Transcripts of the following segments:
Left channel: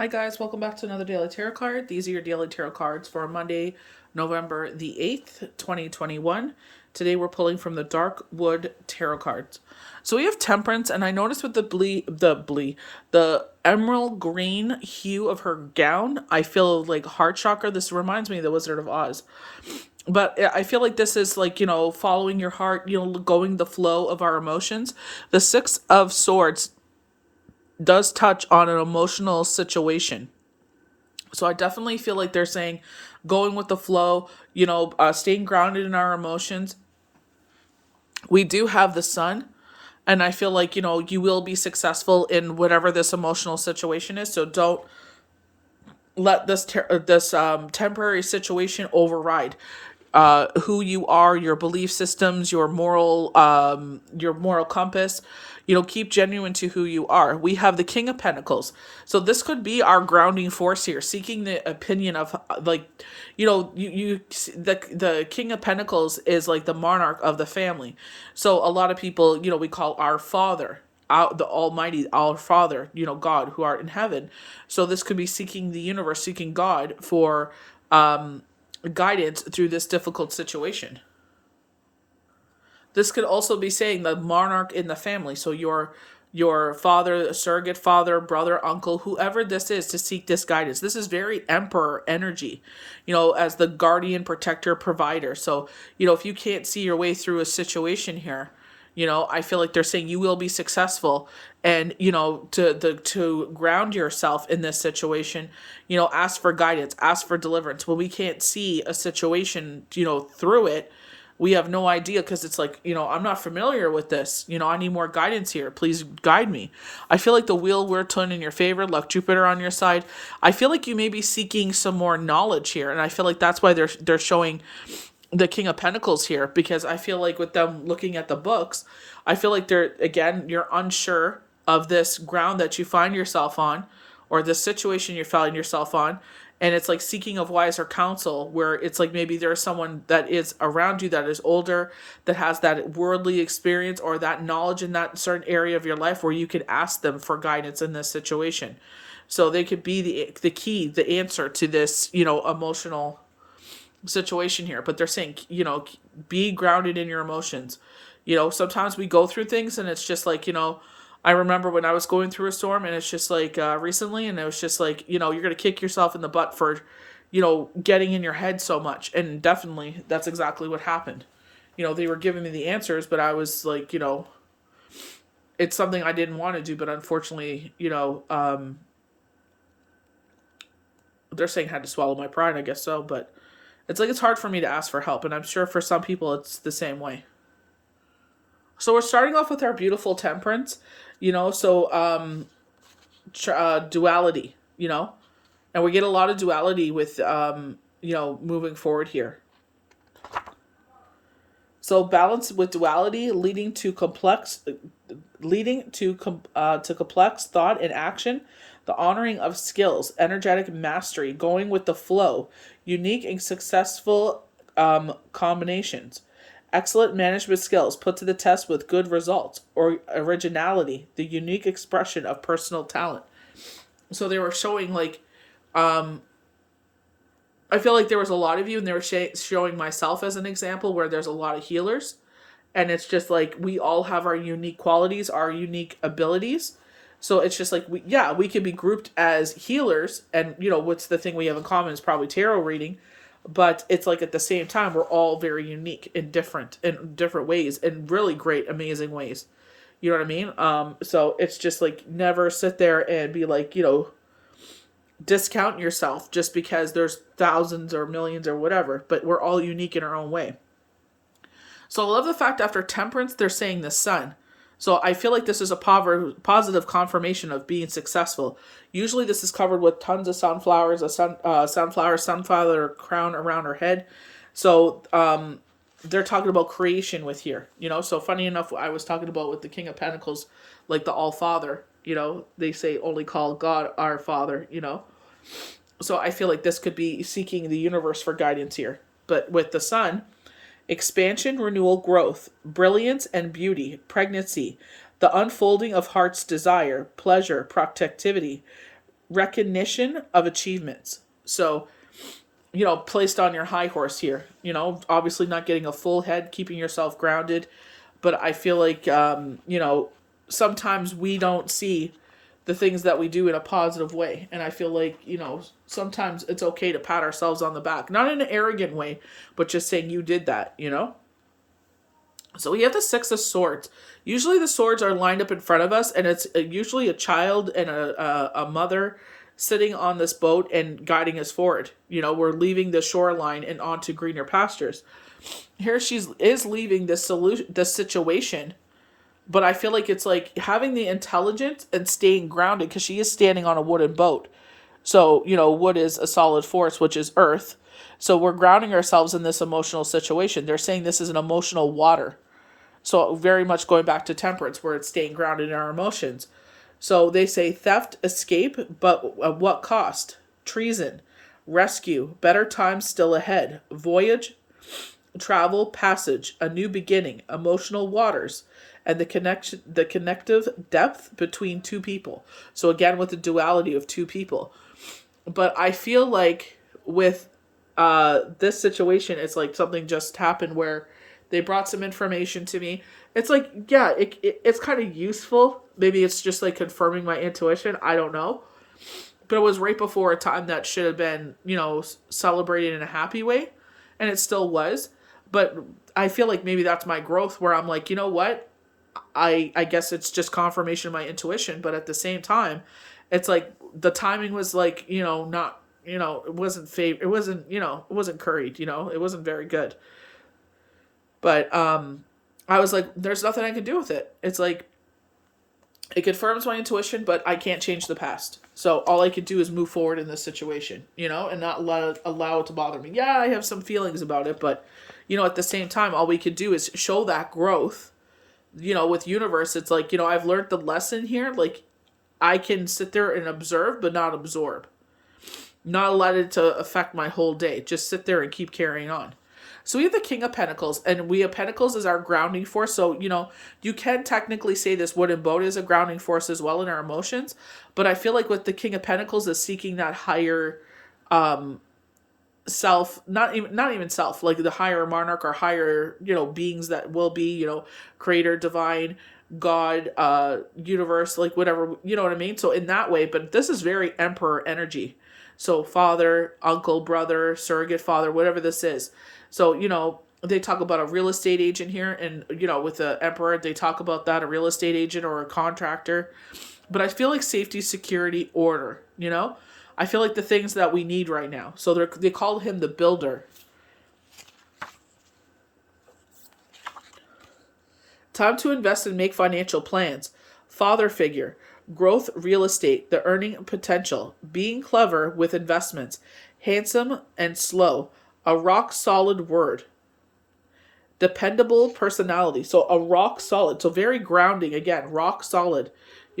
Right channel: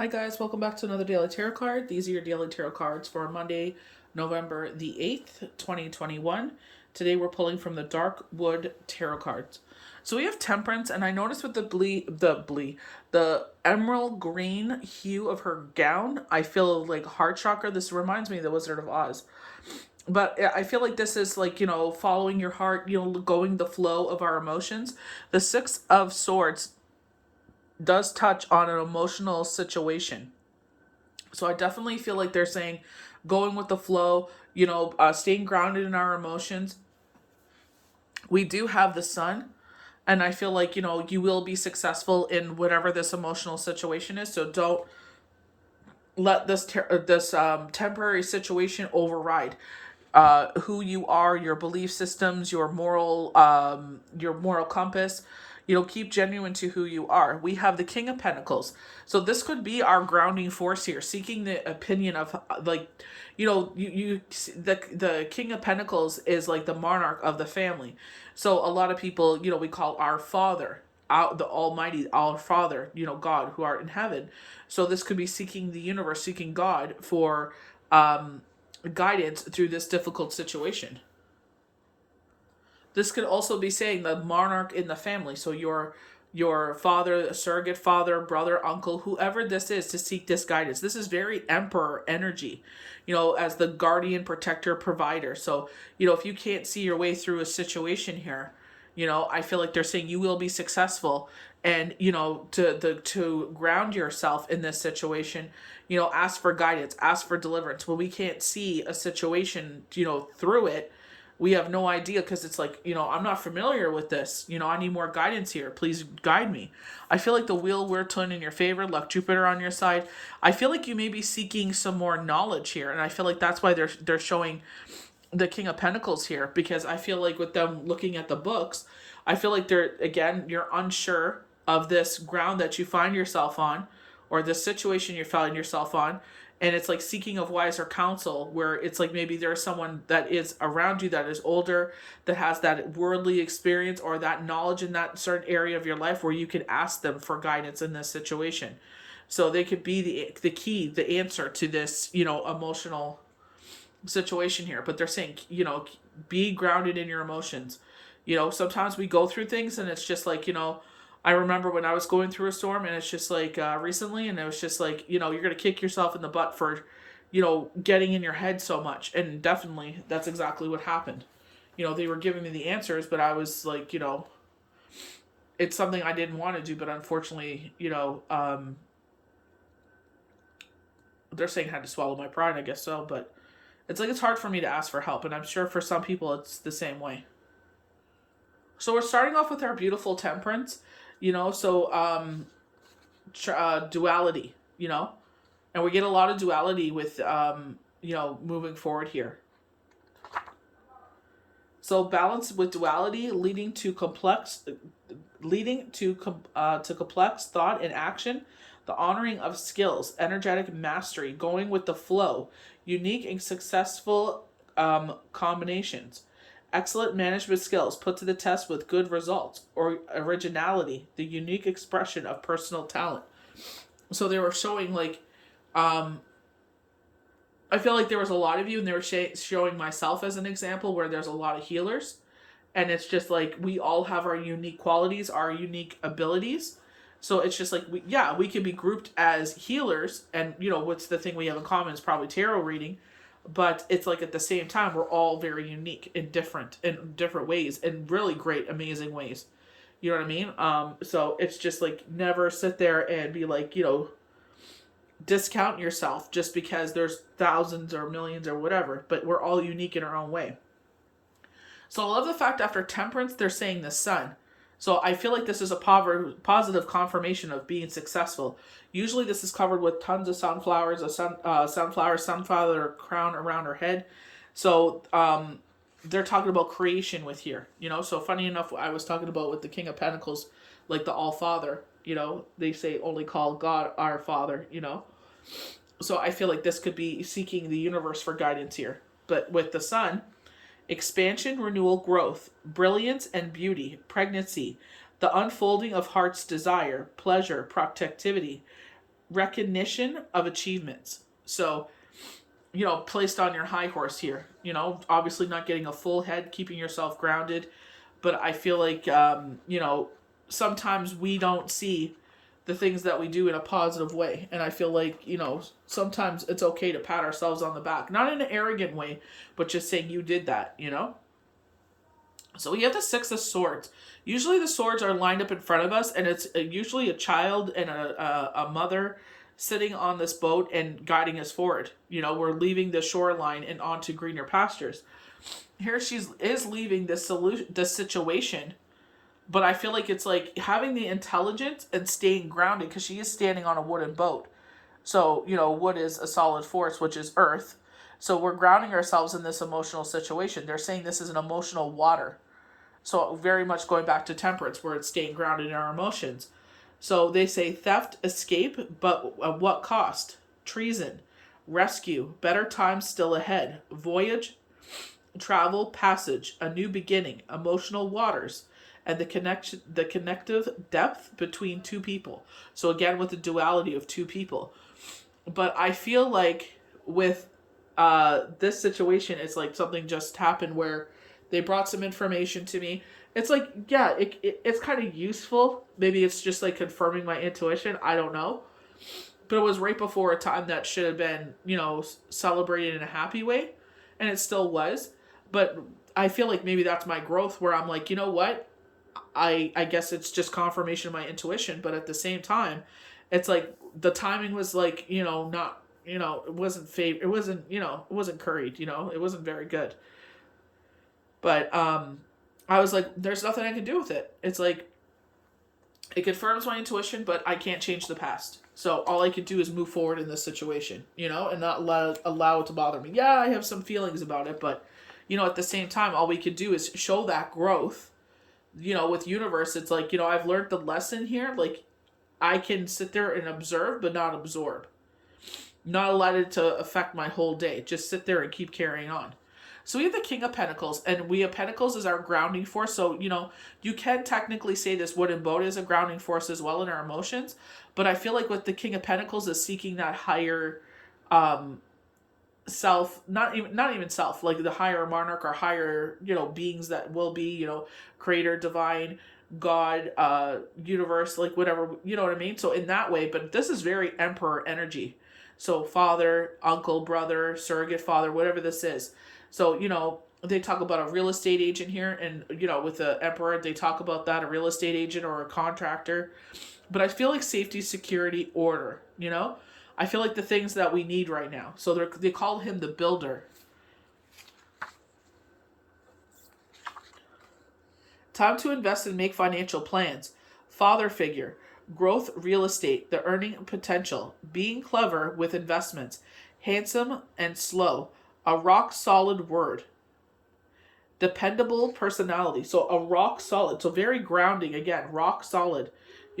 Hi guys, welcome back to another daily tarot card. These are your daily tarot cards for Monday, November the 8th, 2021. Today we're pulling from the Dark Wood Tarot cards. So we have Temperance, and I noticed with the emerald green hue of her gown, I feel like heart chakra. This reminds me of the Wizard of Oz. But I feel like this is like, following your heart, going the flow of our emotions. The Six of Swords does touch on an emotional situation. So I definitely feel like they're saying going with the flow, staying grounded in our emotions. We do have the sun, and I feel like, you will be successful in whatever this emotional situation is. So don't let this temporary situation override who you are, your belief systems, your moral compass. Keep genuine to who you are. We have the King of Pentacles, so this could be our grounding force here, seeking the opinion of the King of Pentacles is like the monarch of the family. So a lot of people, we call our Father, the Almighty, our Father, God who art in heaven. So this could be seeking the universe, seeking God for guidance through this difficult situation. This could also be saying the monarch in the family, so your father, surrogate father, brother, uncle, whoever this is, to seek this guidance. This is very emperor energy, as the guardian, protector, provider. So, if you can't see your way through a situation here, I feel like they're saying you will be successful. And, to ground yourself in this situation, ask for guidance, ask for deliverance. When we can't see a situation, through it, we have no idea, because it's like, I'm not familiar with this. I need more guidance here. Please guide me. I feel like the wheel will turn in your favor. Luck, Jupiter on your side. I feel like you may be seeking some more knowledge here, and I feel like that's why they're showing the King of Pentacles here, because I feel like with them looking at the books, I feel like you're unsure of this ground that you find yourself on, or this situation you find yourself on. And it's like seeking of wiser counsel, where it's like maybe there's someone that is around you that is older, that has that worldly experience or that knowledge in that certain area of your life, where you can ask them for guidance in this situation. So they could be the key, the answer to this, emotional situation here. But they're saying, be grounded in your emotions. Sometimes we go through things and it's just like, I remember when I was going through a storm, and it's just like recently, and it was just like, you're going to kick yourself in the butt for, getting in your head so much. And definitely that's exactly what happened. They were giving me the answers, but I was like, it's something I didn't want to do, but unfortunately, they're saying I had to swallow my pride, I guess so. But it's like, it's hard for me to ask for help, and I'm sure for some people it's the same way. So we're starting off with our beautiful Temperance, duality, and we get a lot of duality with, moving forward here. So balance with duality, leading to complex thought and action, the honoring of skills, energetic mastery, going with the flow, unique and successful combinations, excellent management skills put to the test with good results, or originality, the unique expression of personal talent. So they were showing like, I feel like there was a lot of you, and they were showing myself as an example, where there's a lot of healers, and it's just like we all have our unique qualities, our unique abilities. So it's just like we can be grouped as healers, and what's the thing we have in common is probably tarot reading, but it's like at the same time we're all very unique in different ways, in really great, amazing ways. You know what I mean? So it's just like, never sit there and be like, discount yourself just because there's thousands or millions or whatever, but we're all unique in our own way. So I love the fact after Temperance, they're saying the sun. So I feel like this is a positive confirmation of being successful. Usually this is covered with tons of sunflowers, sunflower crown around her head. So they're talking about creation with here. So funny enough, I was talking about with the King of Pentacles, like the All Father. They say only call God our Father. So I feel like this could be seeking the universe for guidance here. But with the sun, expansion, renewal, growth, brilliance and beauty, pregnancy, the unfolding of heart's desire, pleasure, protectivity, recognition of achievements. So, placed on your high horse here, obviously not getting a full head, keeping yourself grounded. But I feel like, sometimes we don't see the things that we do in a positive way. And I feel like, sometimes it's okay to pat ourselves on the back, not in an arrogant way, but just saying you did that. So we have the Six of Swords. Usually the swords are lined up in front of us, and it's usually a child and a mother sitting on this boat and guiding us forward. We're leaving the shoreline and onto greener pastures. Here is leaving this situation, but I feel like it's like having the intelligence and staying grounded, because she is standing on a wooden boat. So, wood is a solid force, which is earth. So we're grounding ourselves in this emotional situation. They're saying this is an emotional water. So very much going back to Temperance, where it's staying grounded in our emotions. So they say theft, escape, but at what cost? Treason, rescue, better times still ahead, voyage, travel, passage, a new beginning, emotional waters, and the connective depth between two people. So again, with the duality of two people. But I feel like with this situation, it's like something just happened where they brought some information to me. It's like, yeah, it's kind of useful. Maybe it's just like confirming my intuition. I don't know. But it was right before a time that should have been, celebrated in a happy way. And it still was. But I feel like maybe that's my growth, where I'm like, you know what? I guess it's just confirmation of my intuition. But at the same time, it's like the timing was like, not, it wasn't it wasn't, it wasn't curried, it wasn't very good. But I was like, there's nothing I can do with it. It's like, it confirms my intuition, but I can't change the past. So all I can do is move forward in this situation, and not allow it to bother me. Yeah, I have some feelings about it, but, at the same time, all we could do is show that growth. With universe, it's like, I've learned the lesson here. Like, I can sit there and observe, but not absorb. Not let it to affect my whole day. Just sit there and keep carrying on. So we have the King of Pentacles, and we have Pentacles as our grounding force. So, you can technically say this wooden boat is a grounding force as well in our emotions. But I feel like with the King of Pentacles is seeking that higher self, not even self, like the higher monarch or higher, beings that will be, creator, divine, God, universe, like whatever, you know what I mean? So in that way, but this is very emperor energy. So father, uncle, brother, surrogate father, whatever this is. So, they talk about a real estate agent here, and, with the emperor, they talk about that, a real estate agent or a contractor. But I feel like safety, security, order, I feel like the things that we need right now. So they called him the builder. Time to invest and make financial plans. Father figure. Growth, real estate, the earning potential. Being clever with investments. Handsome and slow. A rock solid word. Dependable personality. So a rock solid. So very grounding. Again, rock solid.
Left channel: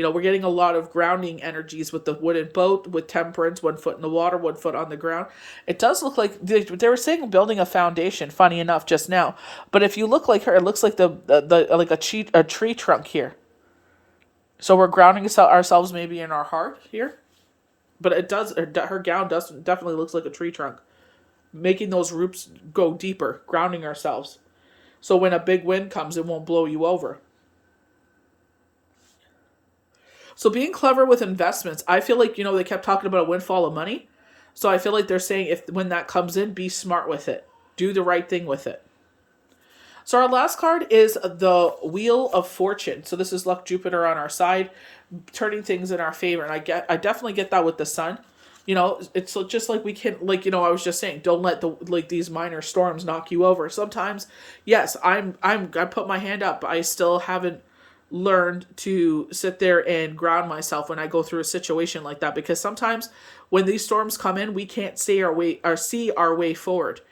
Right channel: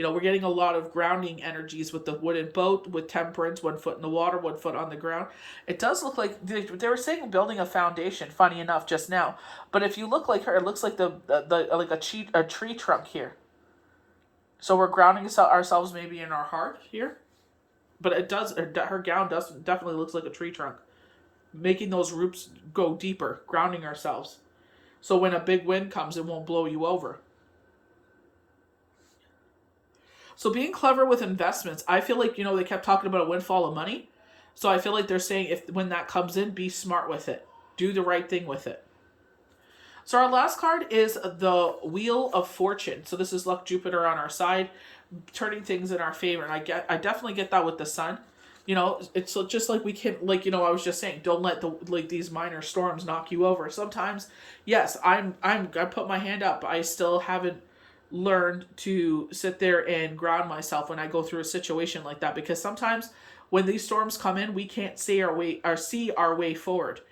We're getting a lot of grounding energies with the wooden boat, with Temperance, 1 foot in the water, 1 foot on the ground. It does look like they were saying building a foundation, funny enough, just now. But if you look like her, it looks like the like a tree trunk here. So we're grounding ourselves maybe in our heart here. But it does, her gown definitely looks like a tree trunk. Making those roots go deeper, grounding ourselves. So when a big wind comes, it won't blow you over. So being clever with investments, I feel like, they kept talking about a windfall of money. So I feel like they're saying when that comes in, be smart with it. Do the right thing with it. So our last card is the Wheel of Fortune. So this is luck, Jupiter on our side, turning things in our favor. And I definitely get that with the sun. It's just like we can, like, I was just saying, don't let these minor storms knock you over. Sometimes, yes, I put my hand up. I still haven't learned to sit there and ground myself when I go through a situation like that, because sometimes when these storms come in, we can't see our way forward.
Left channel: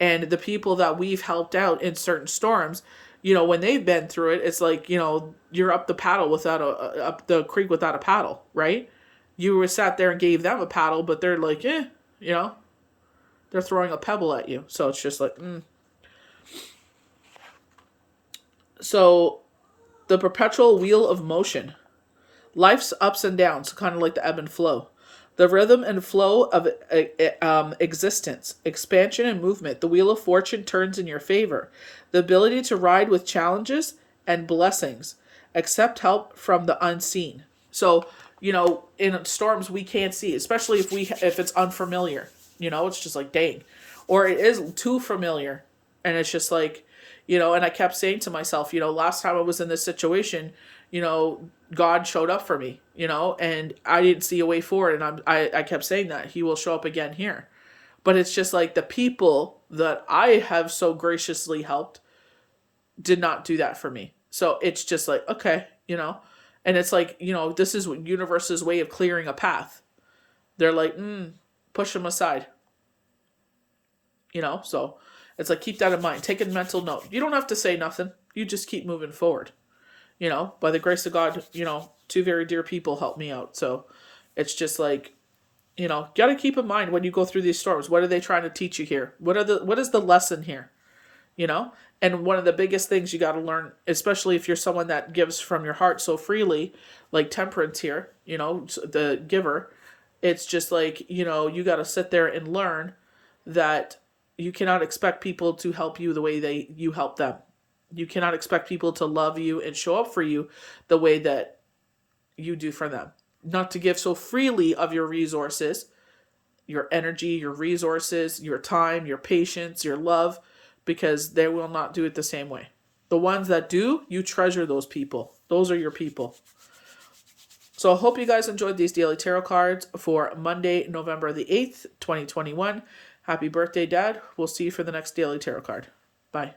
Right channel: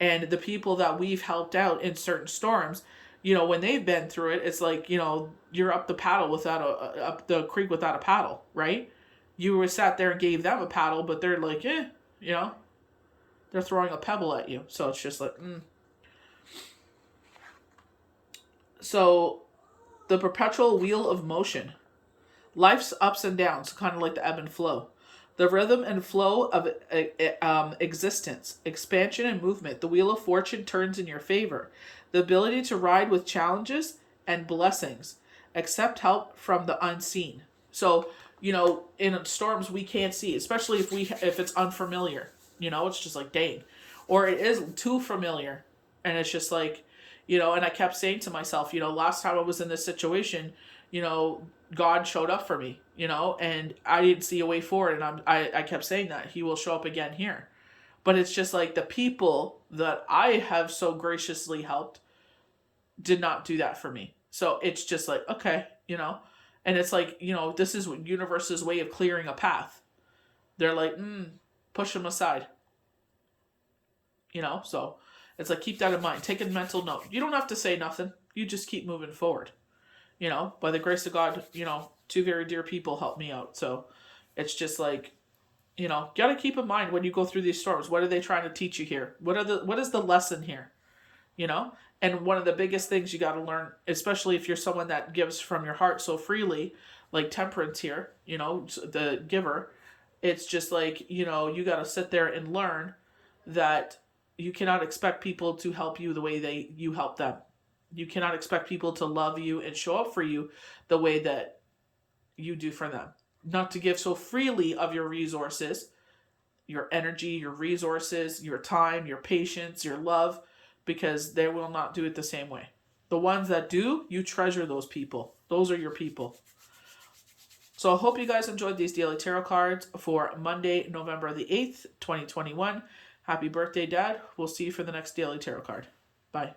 And the people that we've helped out in certain storms, when they've been through it, it's like, you're up the creek without a paddle, right? You were sat there and gave them a paddle, but they're like, they're throwing a pebble at you. So it's just like, So the perpetual wheel of motion. Life's ups and downs, kind of like the ebb and flow. The rhythm and flow of existence, expansion and movement. The wheel of fortune turns in your favor. The ability to ride with challenges and blessings. Accept help from the unseen. So, in storms we can't see, especially if it's unfamiliar. It's just like, dang. Or it is too familiar. And it's just like, and I kept saying to myself, last time I was in this situation, God showed up for me, and I didn't see a way forward. And I kept saying that He will show up again here. But it's just like the people that I have so graciously helped did not do that for me. So it's just like, okay, and it's like, this is universe's way of clearing a path. They're like, push them aside, so it's like, keep that in mind. Take a mental note. You don't have to say nothing. You just keep moving forward. By the grace of God, two very dear people helped me out. So it's just like, got to keep in mind when you go through these storms, what are they trying to teach you here? What is the lesson here? And one of the biggest things you got to learn, especially if you're someone that gives from your heart so freely, like Temperance here, the giver, it's just like, you got to sit there and learn that you cannot expect people to help you the way you help them. You cannot expect people to love you and show up for you the way that you do for them. Not to give so freely of your resources, your energy, your resources, your time, your patience, your love, because they will not do it the same way. The ones that do, you treasure those people. Those are your people. So I hope you guys enjoyed these daily tarot cards for Monday, November the 8th, 2021. Happy birthday, Dad. We'll see you for the next daily tarot card. Bye.